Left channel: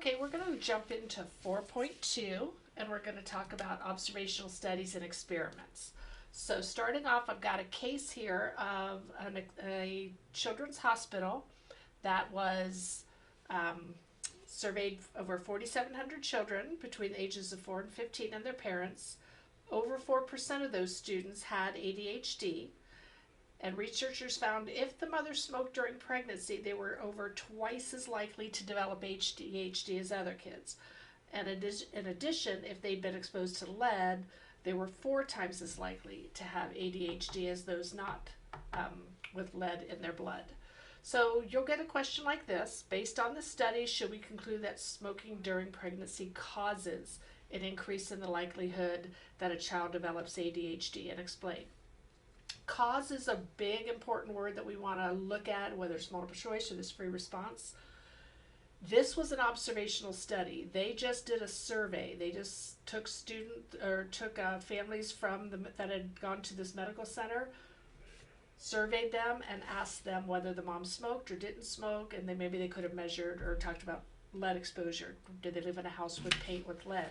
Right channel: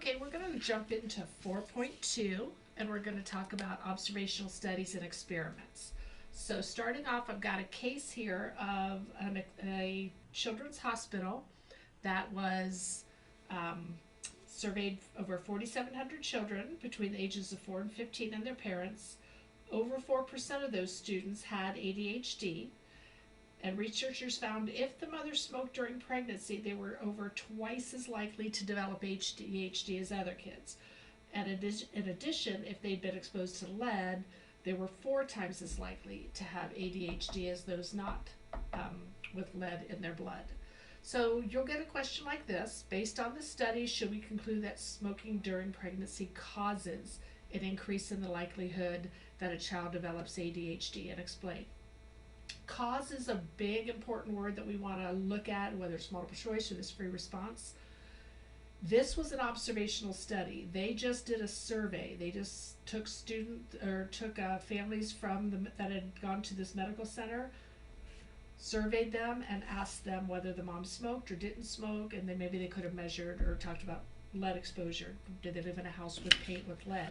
Okay, we're going to jump into 4.2 and we're going to talk about observational studies and experiments. So, starting off, I've got a case here of a children's hospital that was um, surveyed over 4,700 children between the ages of 4 and 15 and their parents. Over 4% of those students had ADHD, and researchers found if the mother smoked during pregnancy, they were over twice as likely to develop ADHD as other kids. And in addition, if they'd been exposed to lead, they were 4 times as likely to have ADHD as those not with lead in their blood. So you'll get a question like this: based on the study, should we conclude that smoking during pregnancy causes an increase in the likelihood that a child develops ADHD? And explain. Cause is a big important word that we want to look at, whether it's multiple choice or this free response. This was an observational study. They just did a survey. They just took families that had gone to this medical center, surveyed them, and asked them whether the mom smoked or didn't smoke, and then maybe they could have measured or talked about lead exposure. Did they live in a house with paint with lead?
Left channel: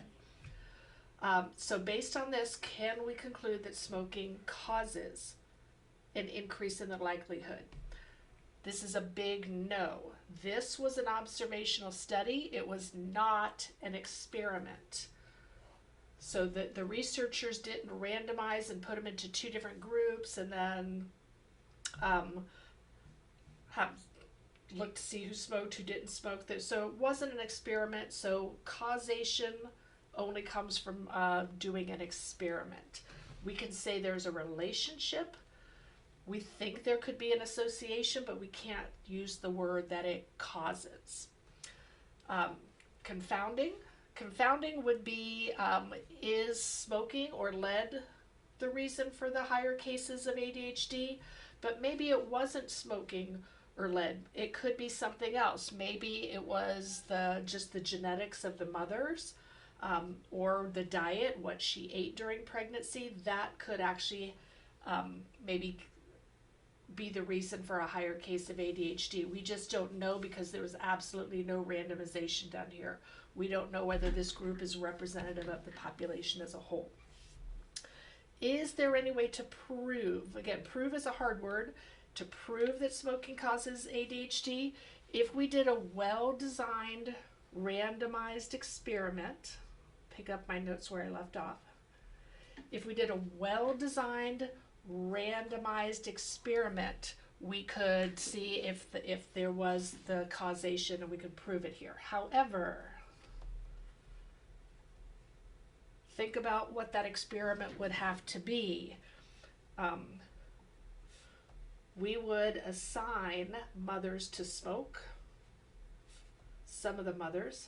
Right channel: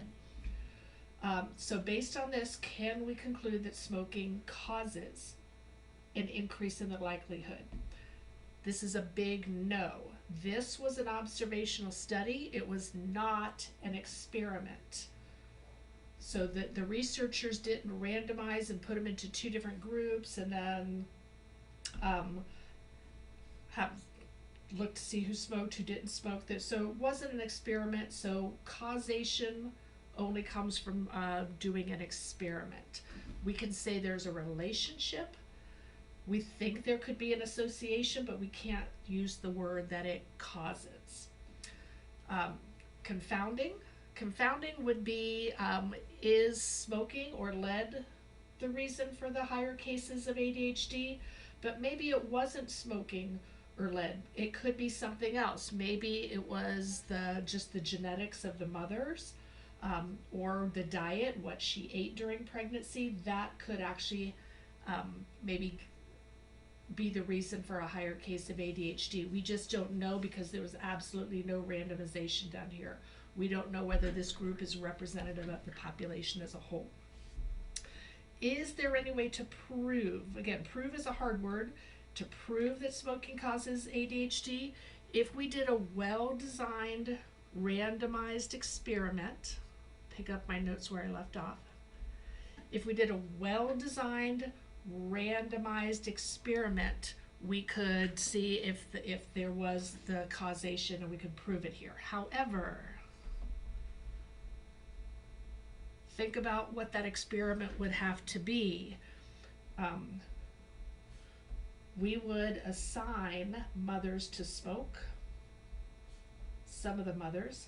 So based on this, can we conclude that smoking causes an increase in the likelihood? This is a big no. This was an observational study. It was not an experiment. So the researchers didn't randomize and put them into 2 different groups and then have looked to see who smoked, who didn't smoke. So it wasn't an experiment. So causation only comes from doing an experiment. We can say there's a relationship. We think there could be an association, but we can't use the word that it causes. Confounding. Confounding would be, is smoking or lead the reason for the higher cases of ADHD? But maybe it wasn't smoking or lead. It could be something else. Maybe it was just the genetics of the mothers, or the diet, what she ate during pregnancy. That could actually maybe be the reason for a higher case of ADHD. We just don't know because there was absolutely no randomization done here. We don't know whether this group is representative of the population as a whole. Is there any way to prove, again, prove is a hard word, to prove that smoking causes ADHD? If we did a well-designed, randomized experiment, pick up my notes where I left off. If we did a well-designed, randomized experiment, we could see if there was the causation and we could prove it here. However, think about what that experiment would have to be. We would assign mothers to smoke, some of the mothers.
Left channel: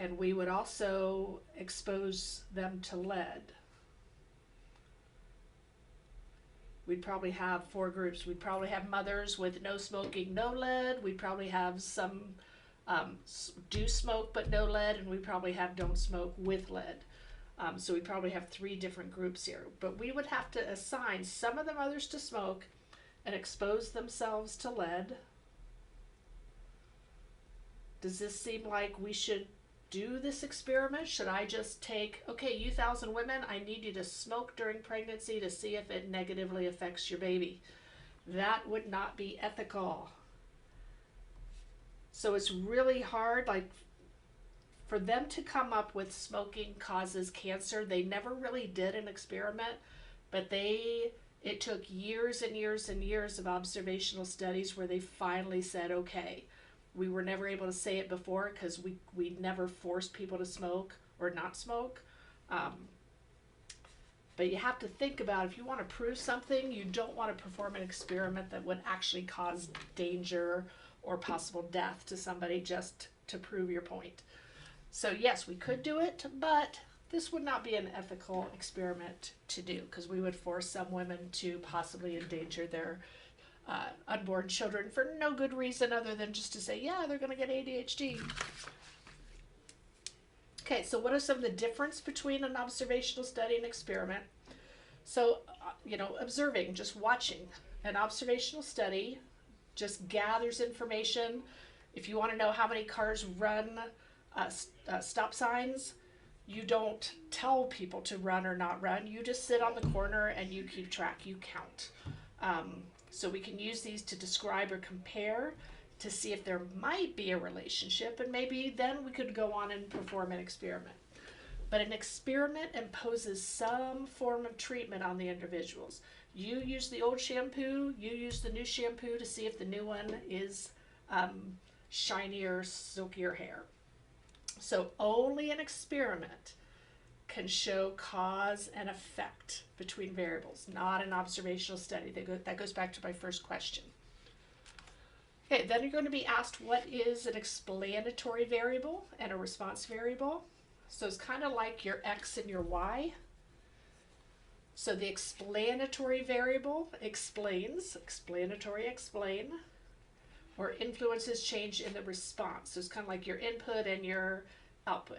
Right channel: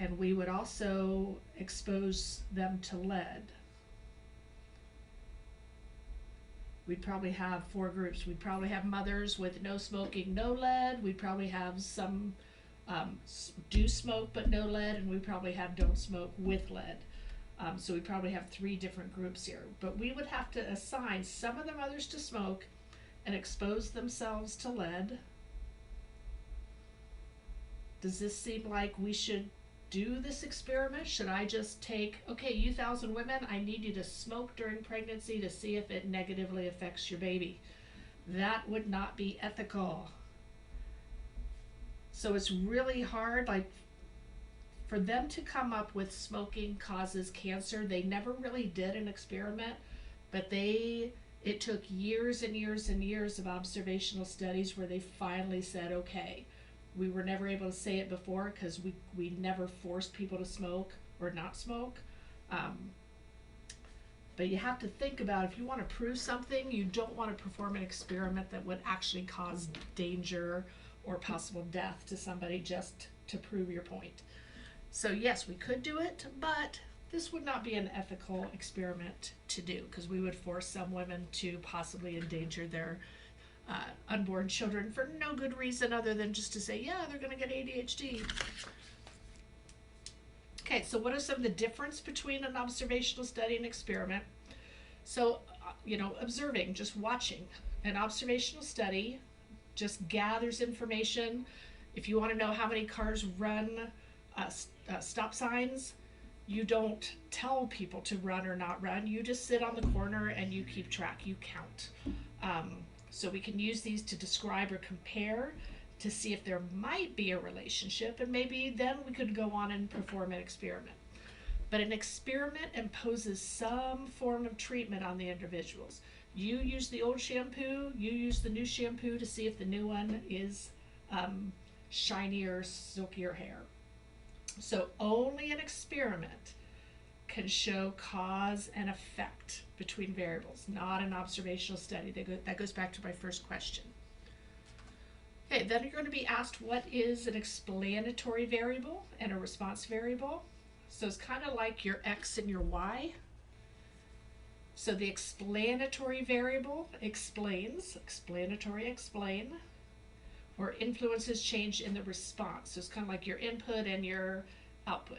And we would also expose them to lead. We'd probably have 4 groups. We'd probably have mothers with no smoking, no lead. We'd probably have some do smoke but no lead, and we probably have don't smoke with lead. So we probably have 3 different groups here. But we would have to assign some of the mothers to smoke and expose themselves to lead. Does this seem like we should do this experiment? Should I just take, okay, you 1,000 women, I need you to smoke during pregnancy to see if it negatively affects your baby? That would not be ethical. So it's really hard, like, for them to come up with smoking causes cancer. They never really did an experiment, but it took years and years and years of observational studies where they finally said, okay, we were never able to say it before because we never forced people to smoke or not smoke. But you have to think about, if you want to prove something, you don't want to perform an experiment that would actually cause danger or possible death to somebody just to prove your point. So yes, we could do it, but this would not be an ethical experiment to do because we would force some women to possibly endanger their unborn children for no good reason other than just to say, yeah, they're going to get ADHD. Okay, so what are some of the difference between an observational study and experiment? So observing, just watching. An observational study just gathers information. If you want to know how many cars run stop signs, you don't tell people to run or not run. You just sit on the corner and you keep track, you count. So we can use these to describe or compare to see if there might be a relationship, and maybe then we could go on and perform an experiment. But an experiment imposes some form of treatment on the individuals. You use the old shampoo, you use the new shampoo to see if the new one is shinier, silkier hair. So only an experiment can show cause and effect between variables, not an observational study. That goes back to my first question. Okay, then you're going to be asked what is an explanatory variable and a response variable. So it's kind of like your X and your Y. So the explanatory variable explains, explanatory explain, or influences change in the response. So it's kind of like your input and your output.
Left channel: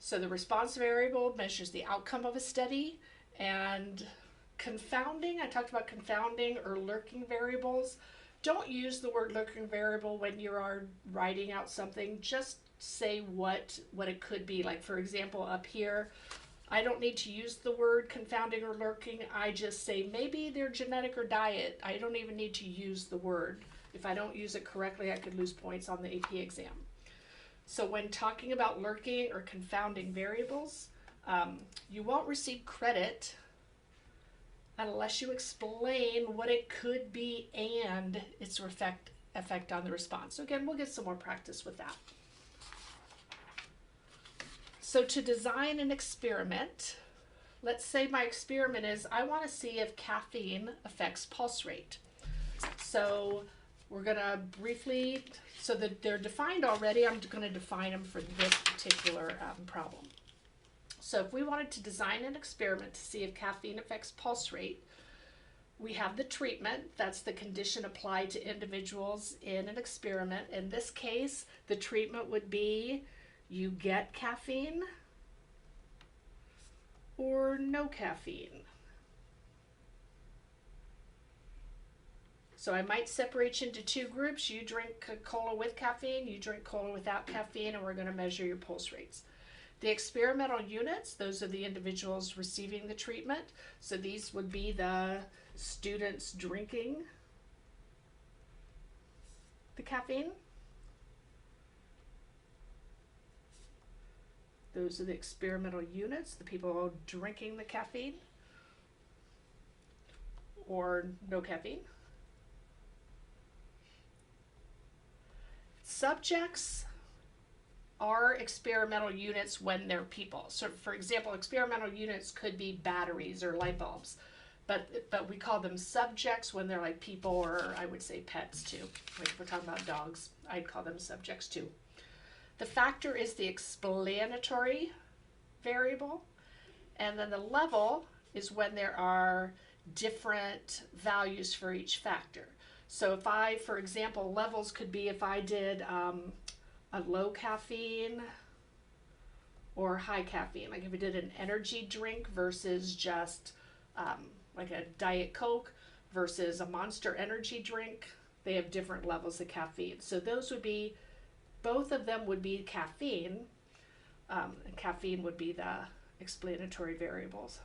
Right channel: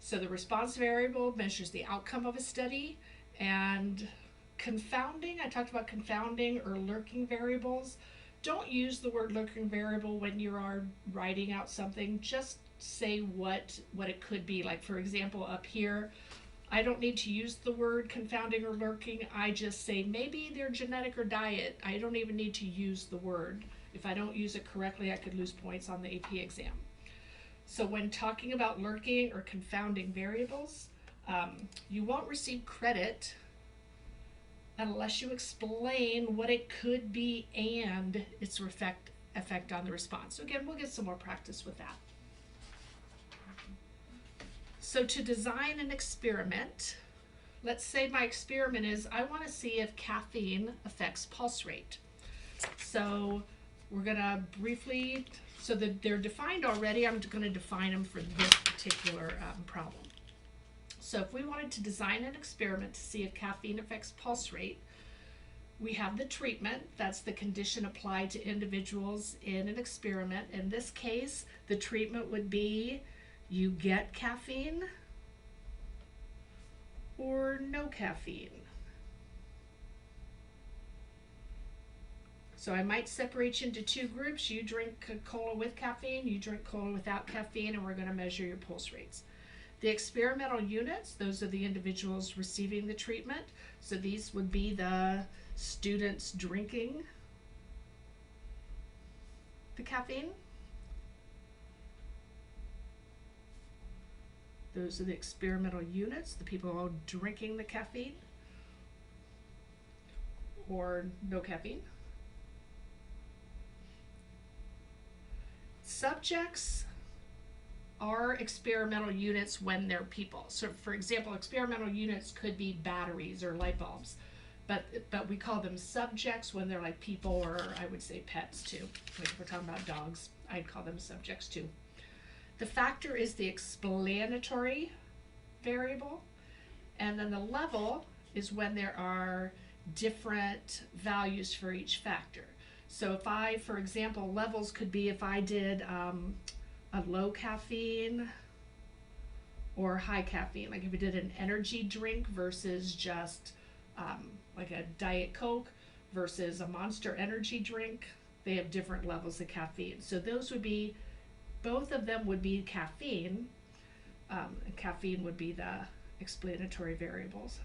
So the response variable measures the outcome of a study, and confounding, I talked about confounding or lurking variables. Don't use the word lurking variable when you are writing out something. Just say what it could be. Like, for example, up here, I don't need to use the word confounding or lurking. I just say maybe they're genetic or diet. I don't even need to use the word. If I don't use it correctly, I could lose points on the AP exam. So when talking about lurking or confounding variables, you won't receive credit unless you explain what it could be and its effect on the response. So again, we'll get some more practice with that. So to design an experiment, let's say my experiment is I want to see if caffeine affects pulse rate. So we're going to briefly, so that they're defined already, I'm going to define them for this particular problem. So if we wanted to design an experiment to see if caffeine affects pulse rate, we have the treatment. That's the condition applied to individuals in an experiment. In this case, the treatment would be you get caffeine or no caffeine. So I might separate you into two groups. You drink cola with caffeine, you drink cola without caffeine, and we're going to measure your pulse rates. The experimental units, those are the individuals receiving the treatment. So these would be the students drinking the caffeine. Those are the experimental units, the people who are drinking the caffeine or no caffeine. Subjects are experimental units when they're people. So for example, experimental units could be batteries or light bulbs, but we call them subjects when they're like people, or I would say pets too. Like if we're talking about dogs, I'd call them subjects too. The factor is the explanatory variable, and then the level is when there are different values for each factor. So if I, for example, levels could be if I did a low caffeine or high caffeine, like if we did an energy drink versus just like a Diet Coke versus a Monster energy drink, they have different levels of caffeine. So those would be, both of them would be caffeine. Caffeine would be the explanatory variables.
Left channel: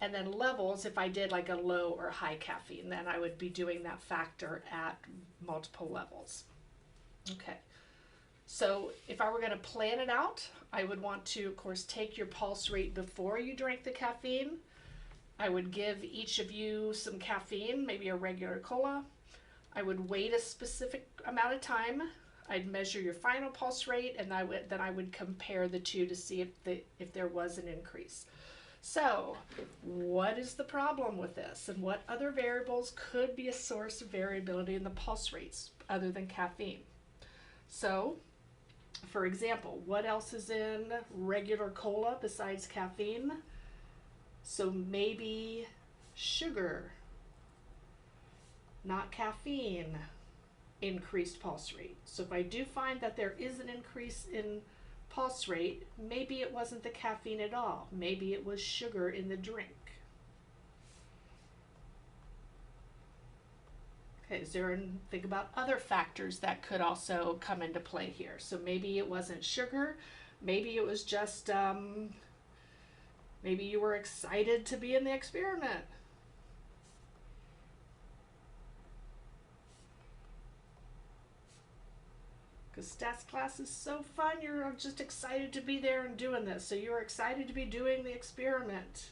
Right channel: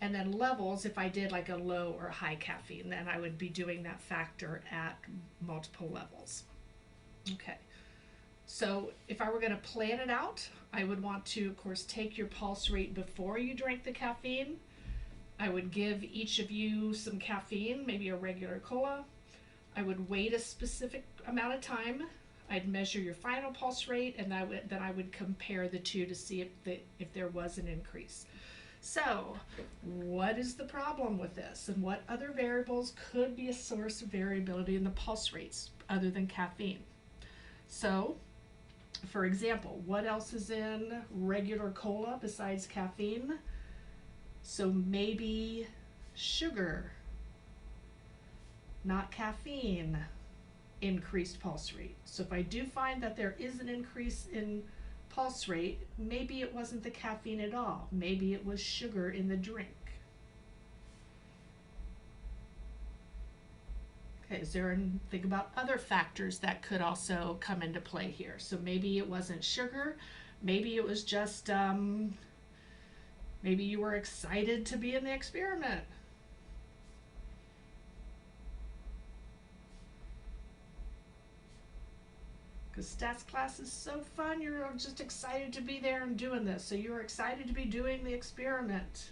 And then levels, if I did like a low or high caffeine, then I would be doing that factor at multiple levels. Okay, so if I were going to plan it out, I would want to, of course, take your pulse rate before you drank the caffeine. I would give each of you some caffeine, maybe a regular cola. I would wait a specific amount of time. I'd measure your final pulse rate, and then I would compare the two to see if there was an increase. So what is the problem with this, and what other variables could be a source of variability in the pulse rates other than caffeine? So for example, what else is in regular cola besides caffeine? So maybe sugar, not caffeine, increased pulse rate. So if I do find that there is an increase in pulse rate, maybe it wasn't the caffeine at all. Maybe it was sugar in the drink. Okay, is there think about other factors that could also come into play here? So maybe it wasn't sugar, maybe it was just maybe you were excited to be in the experiment. Because stats class is so fun, you're just excited to be there and doing this. So you were excited to be doing the experiment.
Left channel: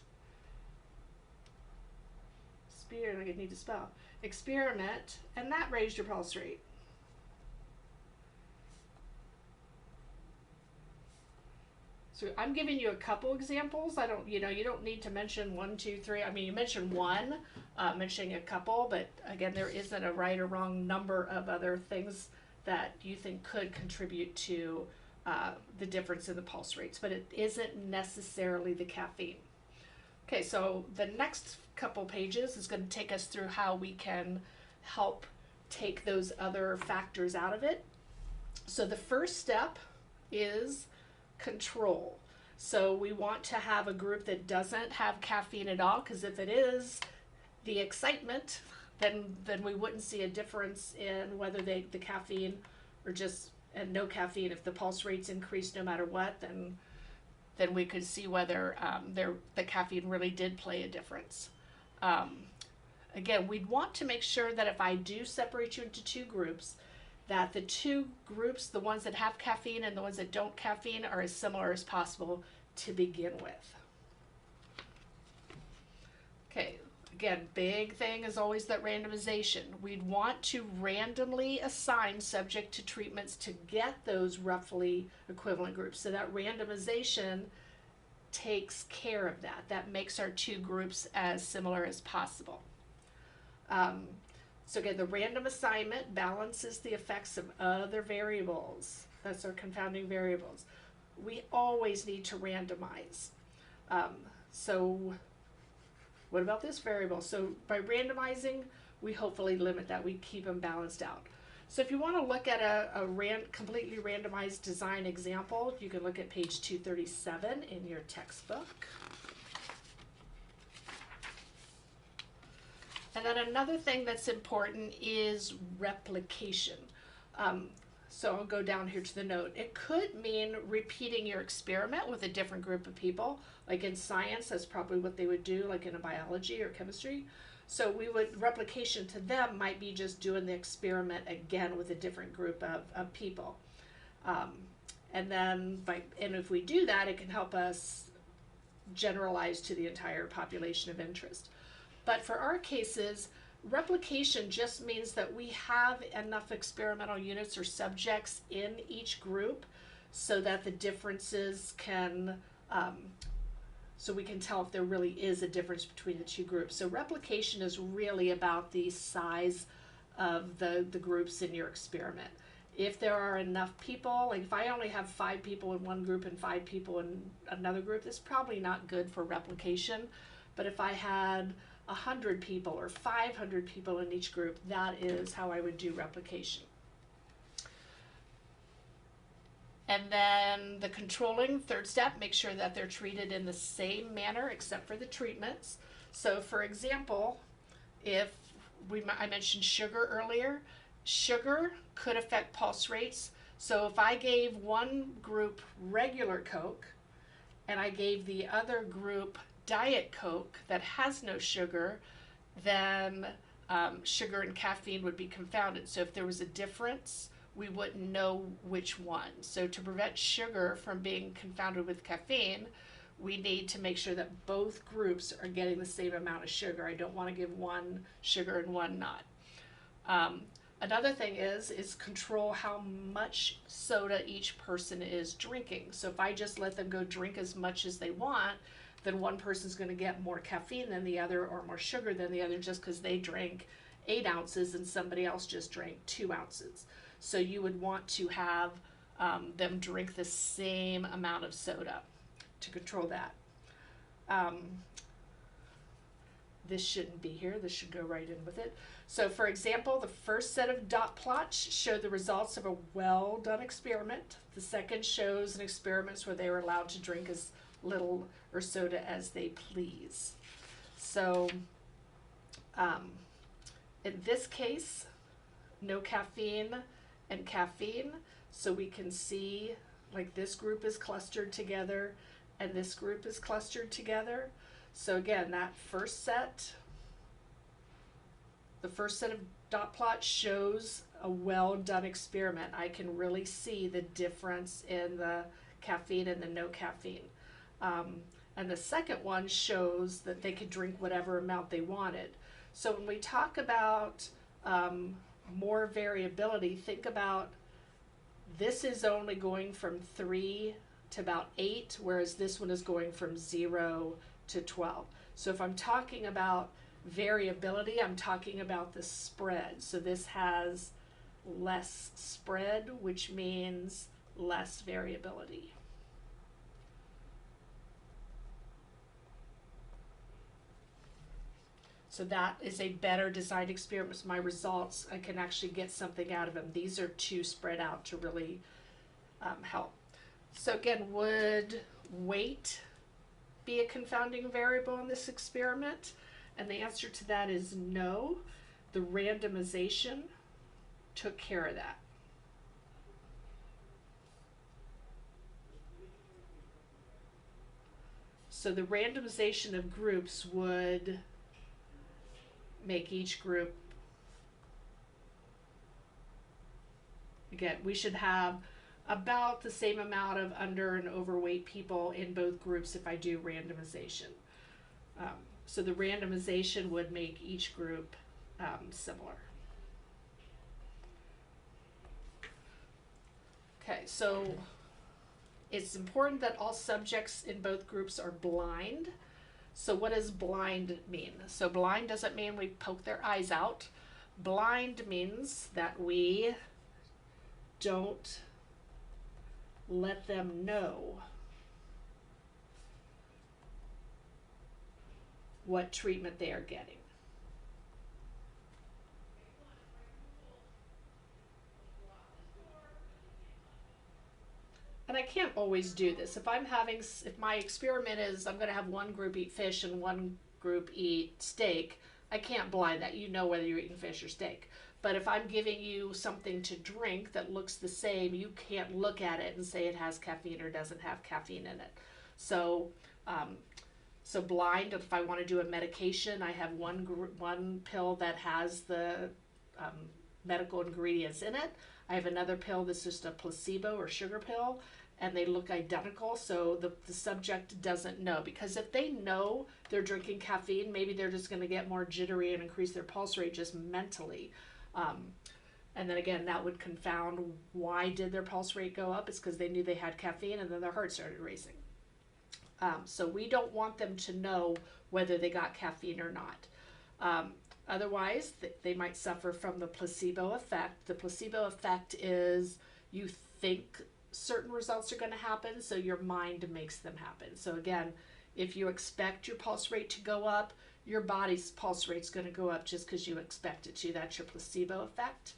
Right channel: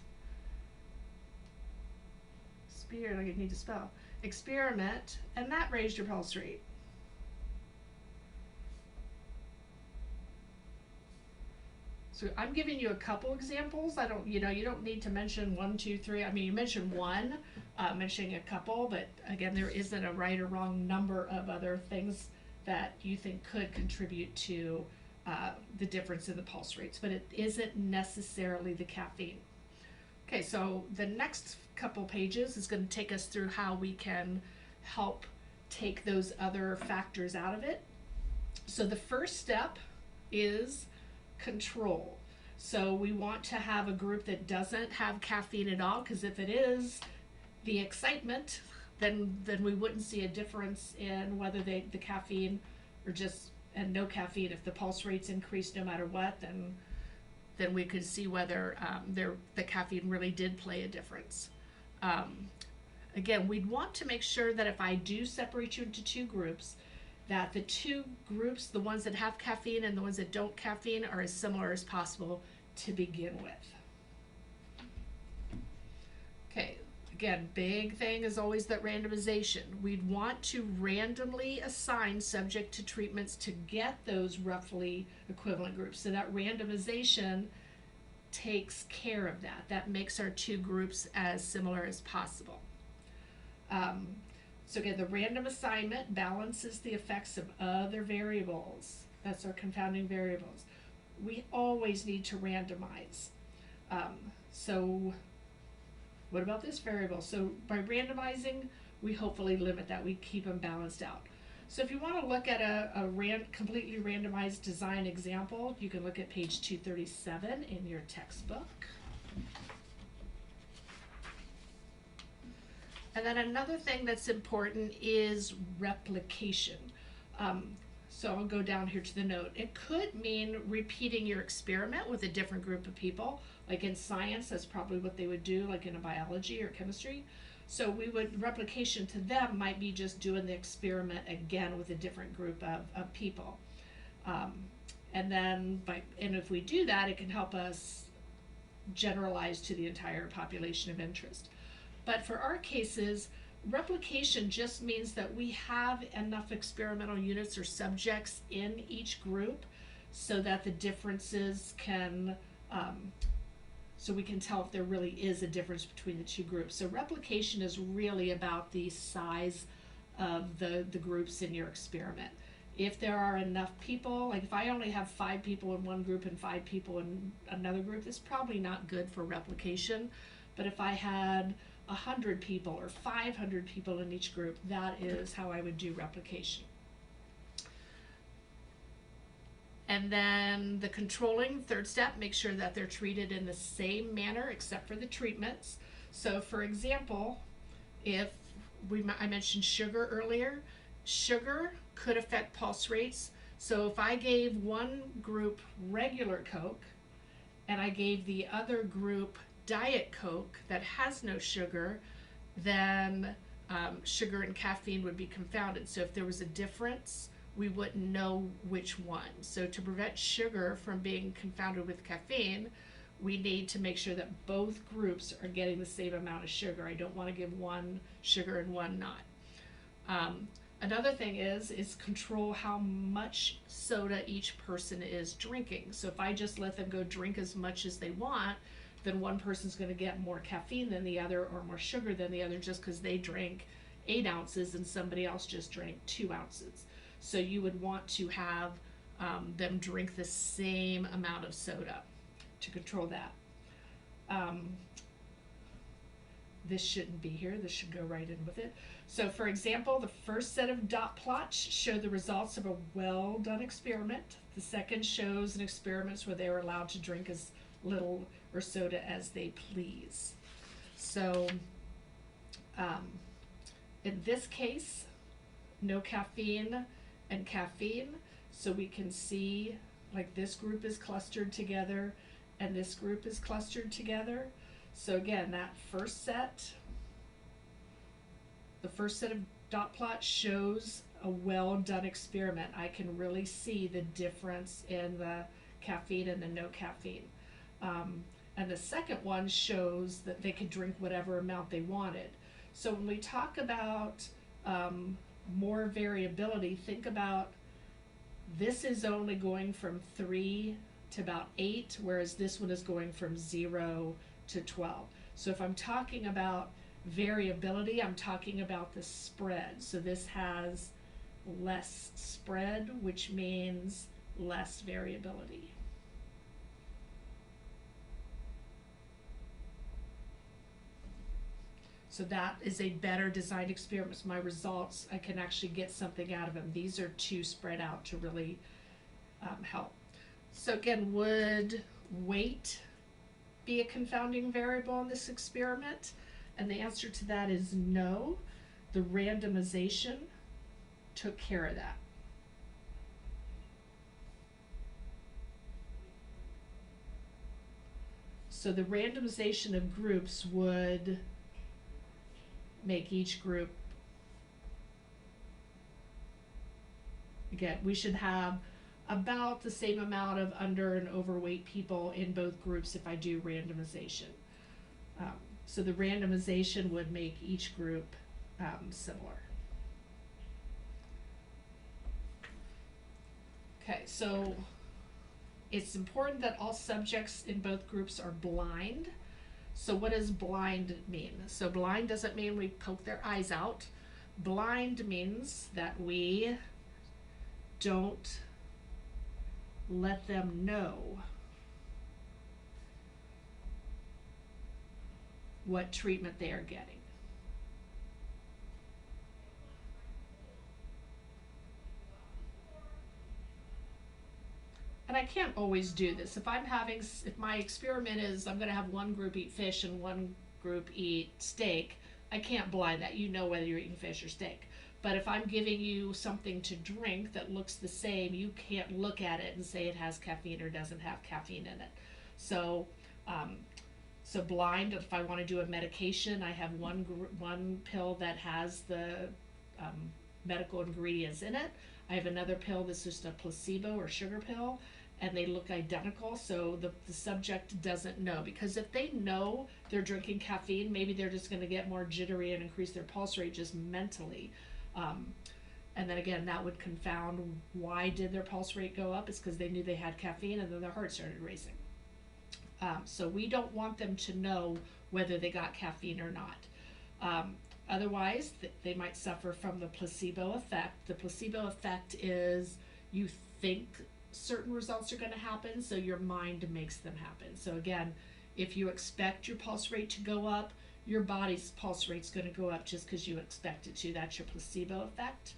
I need to spell. Experiment, and that raised your pulse rate. So I'm giving you a couple examples. I don't, you don't need to mention 1, 2, 3. I mean, you mentioned one, mentioning a couple, but again, there isn't a right or wrong number of other things that you think could contribute to the difference in the pulse rates, but it isn't necessarily the caffeine. Okay, so the next couple pages is going to take us through how we can help take those other factors out of it. So the first step is control. So we want to have a group that doesn't have caffeine at all, because if it is the excitement, then we wouldn't see a difference in whether the caffeine or just and no caffeine. If the pulse rates increase no matter what, then we could see whether the caffeine really did play a difference. Again, we'd want to make sure that if I do separate you into two groups, that the two groups, the ones that have caffeine and the ones that don't caffeine, are as similar as possible to begin with. Okay, again, big thing is always that randomization. We'd want to randomly assign subject to treatments to get those roughly equivalent groups. So that randomization takes care of that. That makes our two groups as similar as possible. So again, the random assignment balances the effects of other variables. That's our confounding variables. We always need to randomize. So what about this variable? So by randomizing, we hopefully limit that. We keep them balanced out. So if you want to look at a completely randomized design example, you can look at page 237 in your textbook. And then another thing that's important is replication. So I'll go down here to the note. It could mean repeating your experiment with a different group of people. Like in science, that's probably what they would do, like in a biology or chemistry. So replication to them might be just doing the experiment again with a different group of people. And if we do that, it can help us generalize to the entire population of interest. But for our cases, replication just means that we have enough experimental units or subjects in each group so that the differences can, so we can tell if there really is a difference between the two groups. So replication is really about the size of the groups in your experiment. If there are enough people, like if I only have 5 people in one group and 5 people in another group, that's probably not good for replication. But if I had 100 people or 500 people in each group, that is how I would do replication. And then the controlling, third step, make sure that they're treated in the same manner except for the treatments. So for example, if I mentioned sugar earlier, sugar could affect pulse rates. So if I gave one group regular Coke and I gave the other group Diet Coke that has no sugar, then sugar and caffeine would be confounded. So if there was a difference, we wouldn't know which one. So to prevent sugar from being confounded with caffeine, we need to make sure that both groups are getting the same amount of sugar. I don't want to give one sugar and one not. Another thing is control how much soda each person is drinking. So if I just let them go drink as much as they want, then one person's going to get more caffeine than the other or more sugar than the other just because they drank 8 ounces and somebody else just drank 2 ounces. So you would want to have them drink the same amount of soda to control that. This shouldn't be here. This should go right in with it. So for example, the first set of dot plots show the results of a well-done experiment. The second shows an experiment where they were allowed to drink as little or soda as they please. So In this case, no caffeine and caffeine, so we can see like this group is clustered together and this group is clustered together. So again, that the first set of dot plots shows a well done experiment. I can really see the difference in the caffeine and the no caffeine. And the second one shows that they could drink whatever amount they wanted. So when we talk about more variability, think about this is only going from 3 to about 8, whereas this one is going from 0 to 12. So if I'm talking about variability, I'm talking about the spread. So this has less spread, which means less variability. So that is a better designed experiment. My results, I can actually get something out of them. These are too spread out to really help. So again, would weight be a confounding variable in this experiment? And the answer to that is no. The randomization took care of that. So the randomization of groups would make each group, again, we should have about the same amount of under and overweight people in both groups if I do randomization. So the randomization would make each group similar. Okay, so it's important that all subjects in both groups are blind. So what does blind mean? So blind doesn't mean we poke their eyes out. Blind means that we don't let them know what treatment they are getting. And I can't always do this. If my experiment is I'm going to have one group eat fish and one group eat steak, I can't blind that. You know whether you're eating fish or steak. But if I'm giving you something to drink that looks the same, you can't look at it and say it has caffeine or doesn't have caffeine in it. So, so blind, if I want to do a medication, I have one pill that has the medical ingredients in it. I have another pill that's just a placebo or sugar pill, and they look identical, so the subject doesn't know. Because if they know they're drinking caffeine, maybe they're just going to get more jittery and increase their pulse rate just mentally. And then again, that would confound why did their pulse rate go up. It's because they knew they had caffeine and then their heart started racing. So we don't want them to know whether they got caffeine or not. Otherwise, they might suffer from the placebo effect. The placebo effect is you think certain results are going to happen, so your mind makes them happen. So again, if you expect your pulse rate to go up, your body's pulse rate's going to go up just because you expect it to. That's your placebo effect.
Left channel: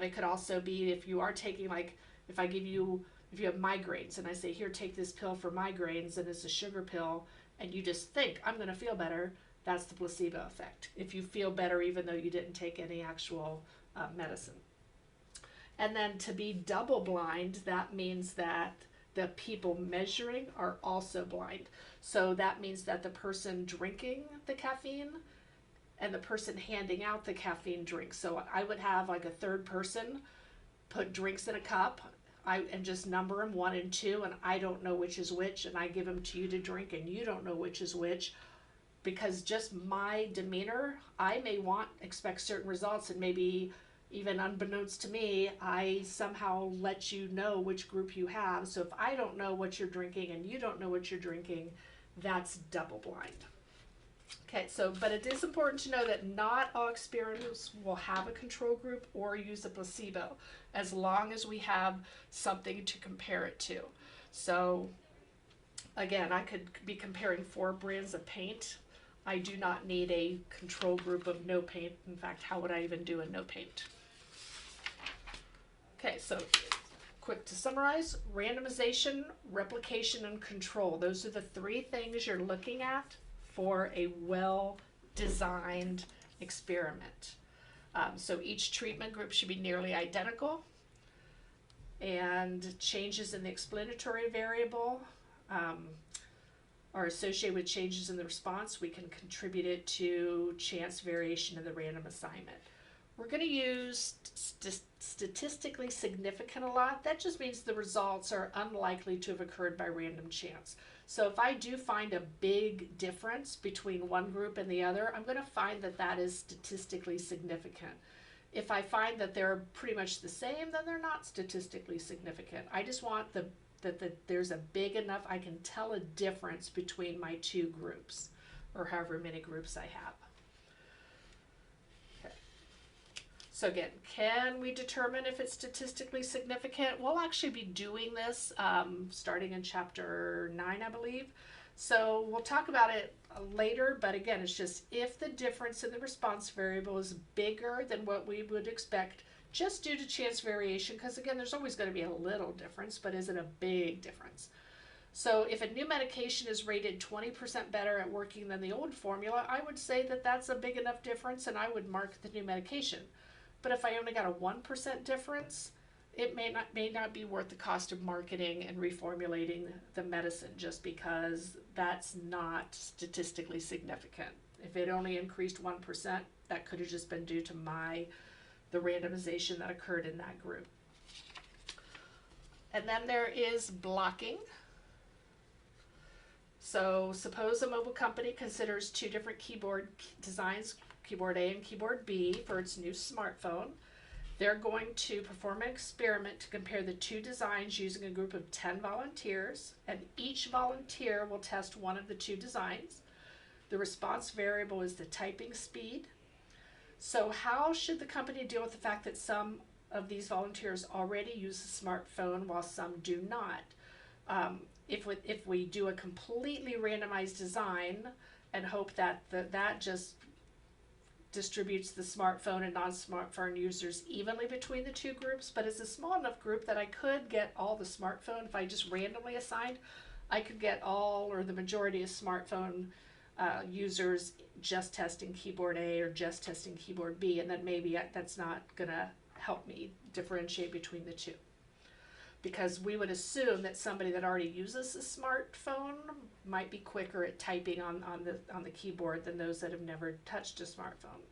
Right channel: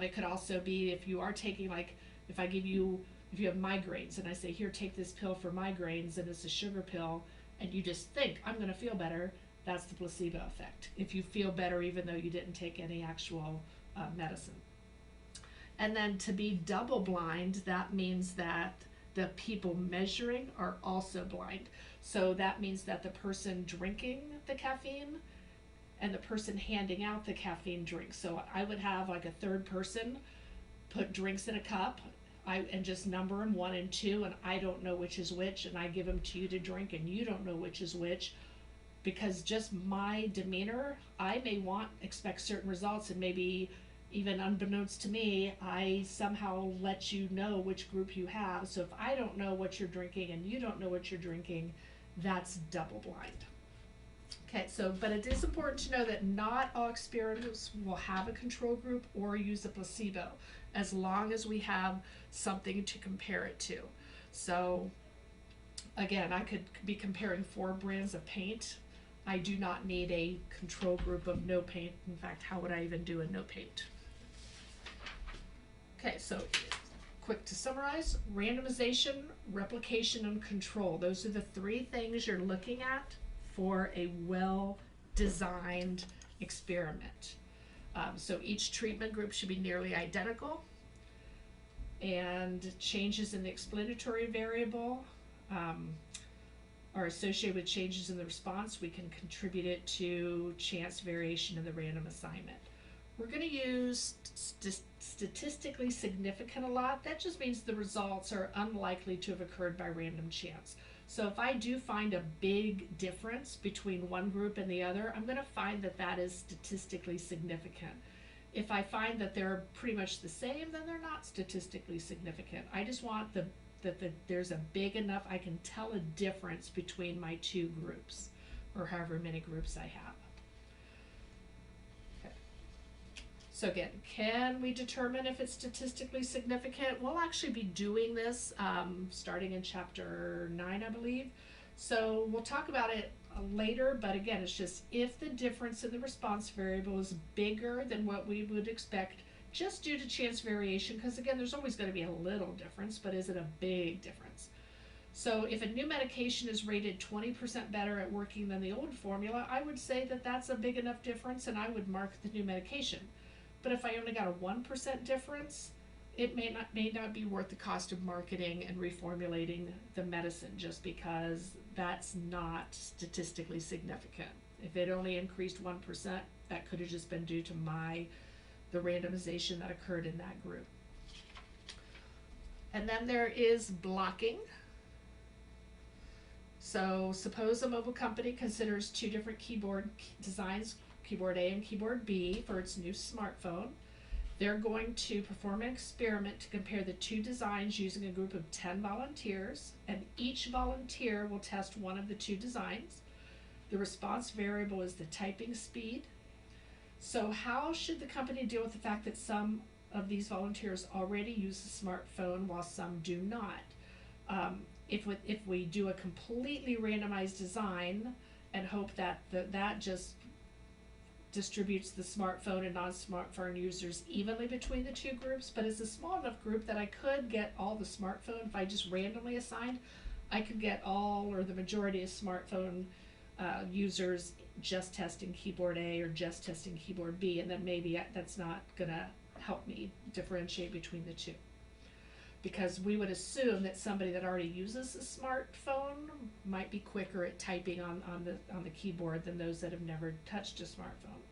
It could also be if you are taking, like, if you have migraines and I say, here, take this pill for migraines, and it's a sugar pill, and you just think, I'm going to feel better, that's the placebo effect. If you feel better even though you didn't take any actual medicine. And then to be double blind, that means that the people measuring are also blind. So that means that the person drinking the caffeine and the person handing out the caffeine drinks. So I would have like a third person put drinks in a cup and just number them 1 and 2, and I don't know which is which, and I give them to you to drink and you don't know which is which. Because just my demeanor, I may expect certain results, and maybe even unbeknownst to me, I somehow let you know which group you have. So if I don't know what you're drinking and you don't know what you're drinking, that's double blind. Okay, so, but it is important to know that not all experiments will have a control group or use a placebo, as long as we have something to compare it to. So again, I could be comparing 4 brands of paint. I do not need a control group of no paint. In fact, how would I even do a no paint? Okay, so quick to summarize: randomization, replication, and control. Those are the 3 things you're looking at for a well-designed experiment. So each treatment group should be nearly identical, and changes in the explanatory variable are associated with changes in the response. We can contribute it to chance variation in the random assignment. We're going to use statistically significant a lot. That just means the results are unlikely to have occurred by random chance. So if I do find a big difference between one group and the other, I'm going to find that that is statistically significant. If I find that they're pretty much the same, then they're not statistically significant. I just want that there's a big enough, I can tell a difference between my two groups, or however many groups I have. Okay. So again, can we determine if it's statistically significant? We'll actually be doing this starting in chapter 9, I believe. So we'll talk about it later, but again, it's just if the difference in the response variable is bigger than what we would expect just due to chance variation, because again, there's always going to be a little difference, but is it a big difference? So if a new medication is rated 20% better at working than the old formula, I would say that that's a big enough difference and I would mark the new medication. But if I only got a 1% difference, it may not be worth the cost of marketing and reformulating the medicine, just because that's not statistically significant. If it only increased 1%, that could have just been due to the randomization that occurred in that group. And then there is blocking. So suppose a mobile company considers two different keyboard designs, keyboard A and keyboard B, for its new smartphone. They're going to perform an experiment to compare the two designs using a group of 10 volunteers, and each volunteer will test one of the two designs. The response variable is the typing speed. So how should the company deal with the fact that some of these volunteers already use a smartphone while some do not? If we do a completely randomized design and hope that that just distributes the smartphone and non-smartphone users evenly between the two groups, but it's a small enough group that I could get all the smartphone. If I just randomly assigned, I could get all or the majority of smartphone users just testing keyboard A or just testing keyboard B, and then maybe that's not going to help me differentiate between the two, because we would assume that somebody that already uses a smartphone might be quicker at typing on the keyboard than those that have never touched a smartphone.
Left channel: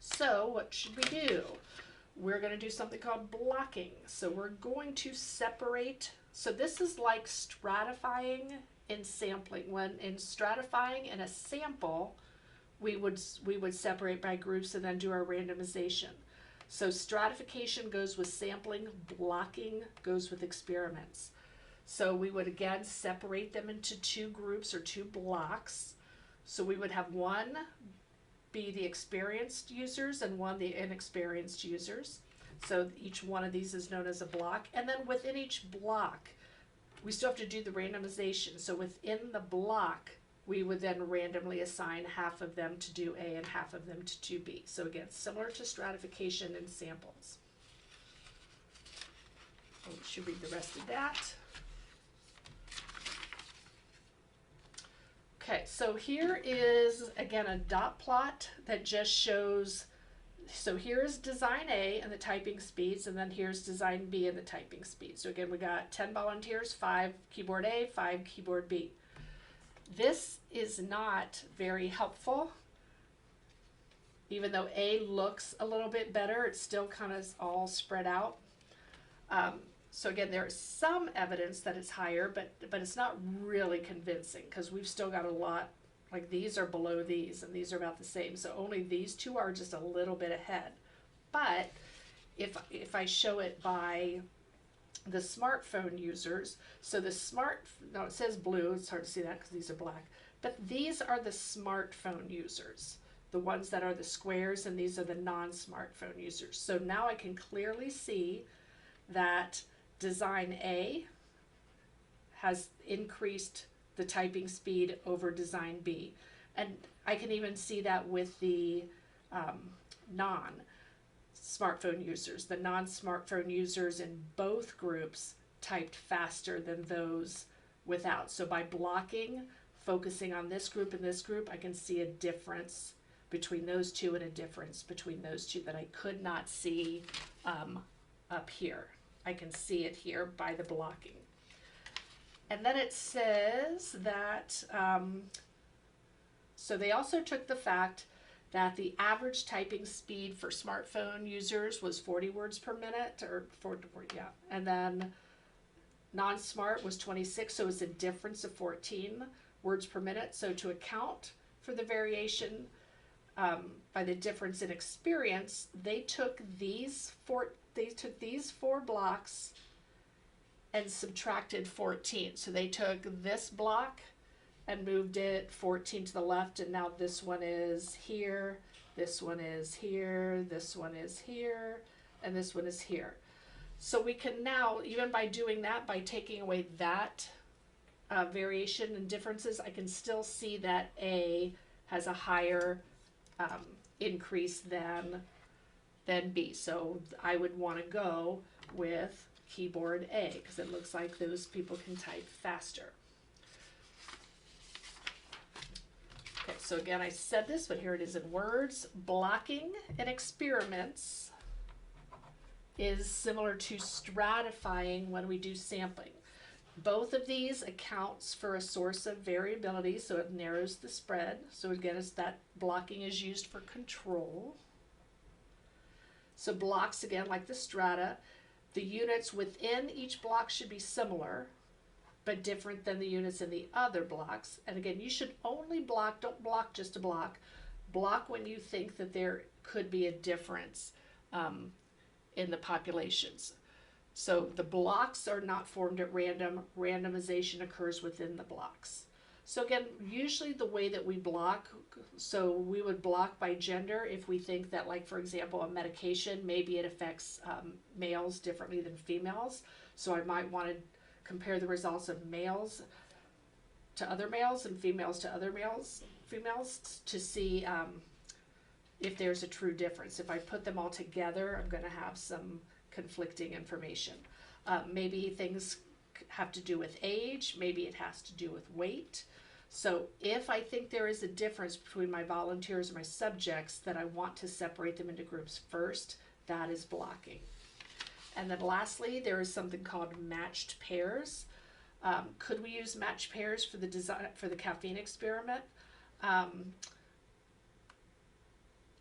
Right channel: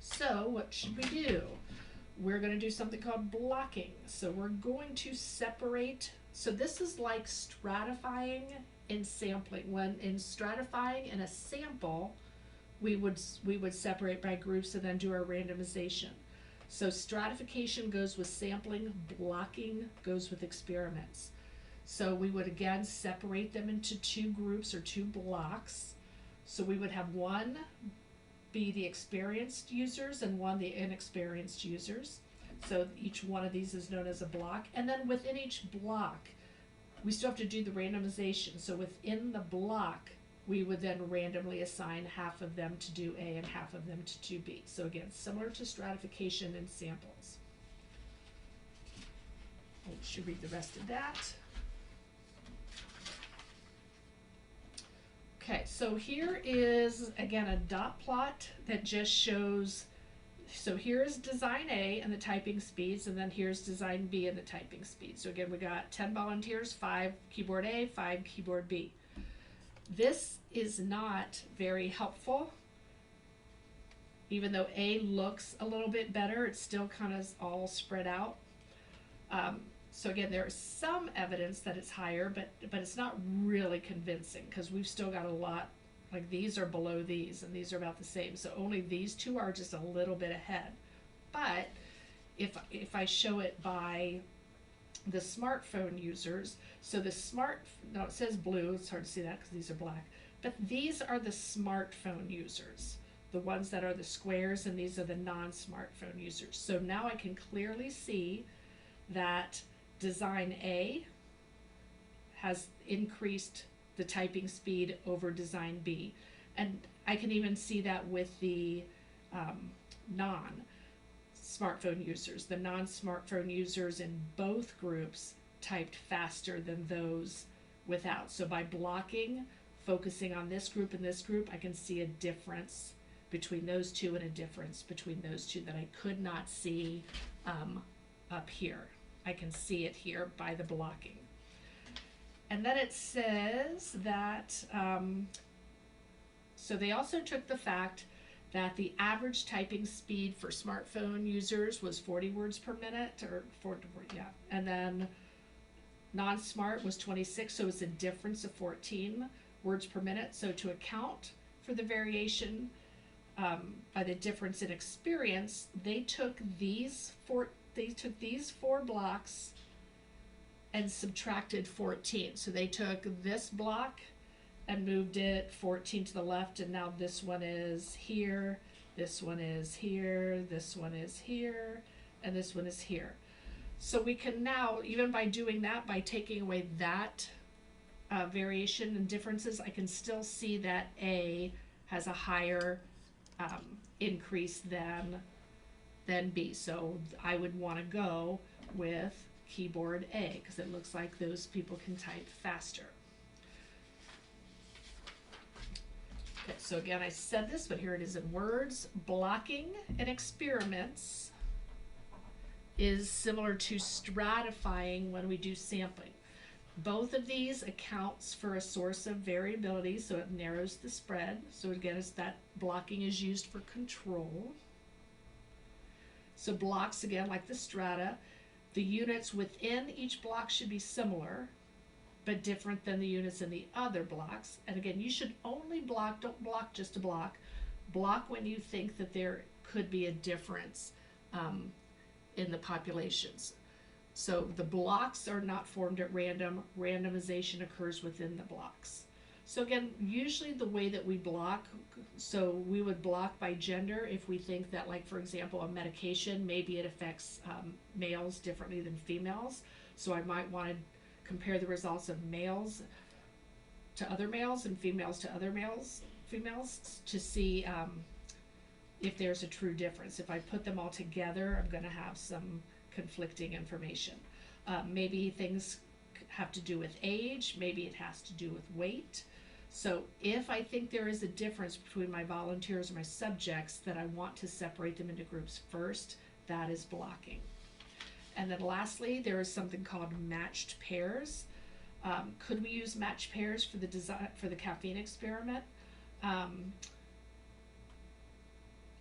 So what should we do? We're going to do something called blocking. So we're going to separate. So this is like stratifying and sampling. When in stratifying in a sample, we would separate by groups and then do our randomization. So stratification goes with sampling, blocking goes with experiments. So we would again separate them into two groups or two blocks. So we would have one be the experienced users and one the inexperienced users. So each one of these is known as a block. And then within each block, we still have to do the randomization. So within the block, we would then randomly assign half of them to do A and half of them to do B. So again, similar to stratification and samples. We should read the rest of that. Okay, so here is, again, a dot plot that just shows, so here's design A and the typing speeds, and then here's design B and the typing speeds. So again, we got 10 volunteers, 5 keyboard A, 5 keyboard B. This is not very helpful. Even though A looks a little bit better, it's still kind of all spread out. So again, there is some evidence that it's higher, but it's not really convincing, because we've still got a lot, like these are below these and these are about the same. So only these two are just a little bit ahead. But if I show it by the smartphone users, so no, it says blue, it's hard to see that because these are black, but these are the smartphone users, the ones that are the squares, and these are the non-smartphone users. So now I can clearly see that design A has increased the typing speed over design B. And I can even see that with the non-smartphone users. The non-smartphone users in both groups typed faster than those without. So by blocking, focusing on this group and this group, I can see a difference between those two and a difference between those two that I could not see up here. I can see it here by the blocking. And then it says that, so they also took the fact that the average typing speed for smartphone users was 40 words per minute, or 40, yeah. And then non-smart was 26, so it's a difference of 14 words per minute. So to account for the variation by the difference in experience, they took these four blocks and subtracted 14. So they took this block and moved it 14 to the left, and now this one is here, this one is here, this one is here, and this one is here. So we can now, even by doing that, by taking away that variation and differences, I can still see that A has a higher increase than B. So I would want to go with keyboard A because it looks like those people can type faster. Okay, so again, I said this, but here it is in words. Blocking in experiments is similar to stratifying when we do sampling. Both of these accounts for a source of variability, so it narrows the spread. So again, it's that blocking is used for control. So blocks, again, like the strata, the units within each block should be similar, but different than the units in the other blocks. And again, you should only block, don't block just a block. Block when you think that there could be a difference in the populations. So the blocks are not formed at random. Randomization occurs within the blocks. So again, usually the way that we block, so we would block by gender if we think that, like, for example, a medication, maybe it affects males differently than females. So I might want to compare the results of males to other males and females to other females to see if there's a true difference. If I put them all together, I'm going to have some conflicting information. Maybe things have to do with age, maybe it has to do with weight. So if I think there is a difference between my volunteers or my subjects, that I want to separate them into groups first, that is blocking. And then lastly, there is something called matched pairs. Could we use matched pairs for the design for the caffeine experiment?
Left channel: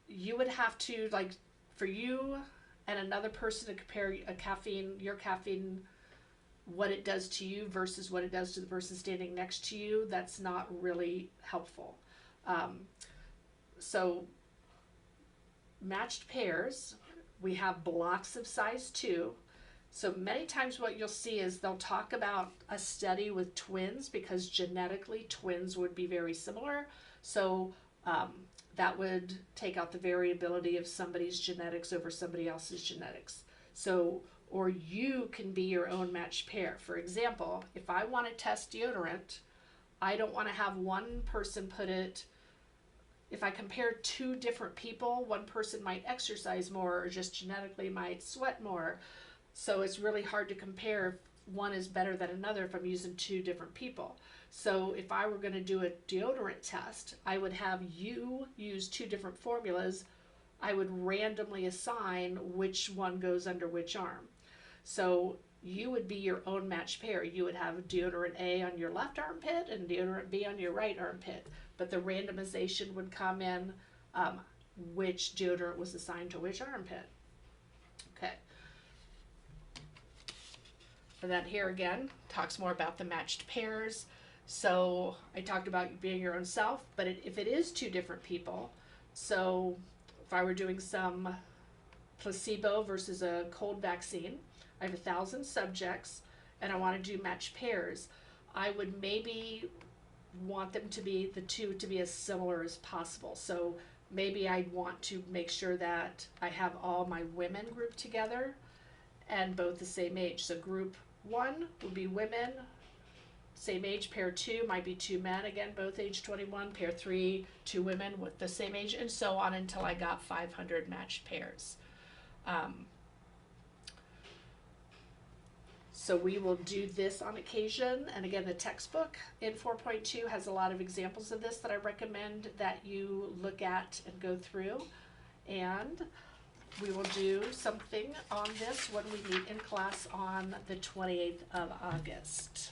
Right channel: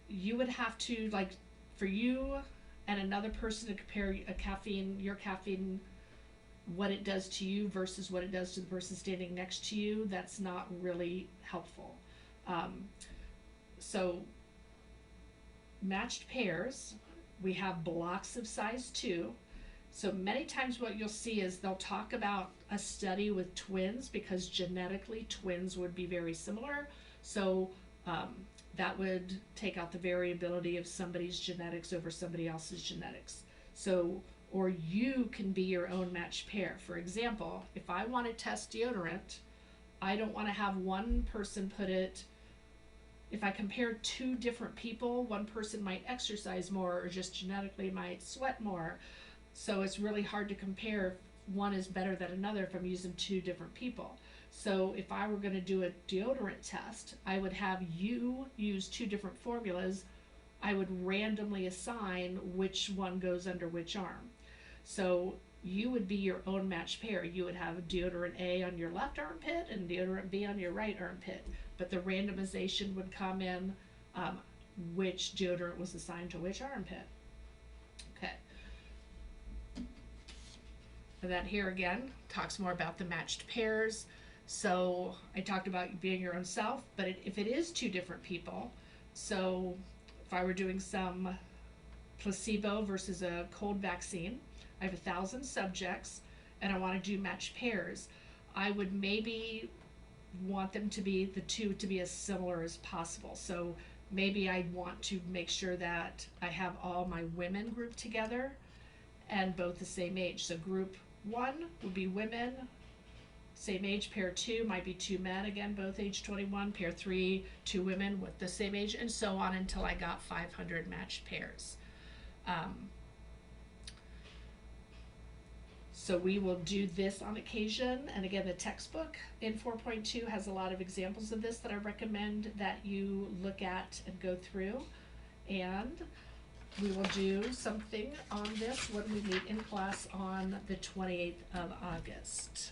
You would have to, like, for you and another person to compare your caffeine, what it does to you versus what it does to the person standing next to you. That's not really helpful. So matched pairs, we have blocks of size 2. So many times what you'll see is they'll talk about a study with twins because genetically twins would be very similar. So that would take out the variability of somebody's genetics over somebody else's genetics. So, or you can be your own matched pair. For example, if I want to test deodorant, I don't want to have one person put it, if I compare 2 different people, one person might exercise more or just genetically might sweat more. So it's really hard to compare if one is better than another if I'm using 2 different people. So if I were going to do a deodorant test, I would have you use 2 different formulas. I would randomly assign which one goes under which arm. So you would be your own matched pair. You would have deodorant A on your left armpit and deodorant B on your right armpit. But the randomization would come in which deodorant was assigned to which armpit. Okay. And then here again, talks more about the matched pairs. So I talked about being your own self, but if it is 2 different people, so if I were doing some placebo versus a cold vaccine, I have 1,000 subjects and I want to do matched pairs, I would maybe want them to be, the 2 to be as similar as possible. So maybe I'd want to make sure that I have all my women grouped together and both the same age. So group 1 would be women, same age. Pair 2 might be 2 men, again, both age 21. Pair 3, 2 women with the same age, and so on until I got 500 matched pairs. So we will do this on occasion, and again, the textbook in 4.2 has a lot of examples of this that I recommend that you look at and go through. And we will do something on this when we meet in class on the 28th of August.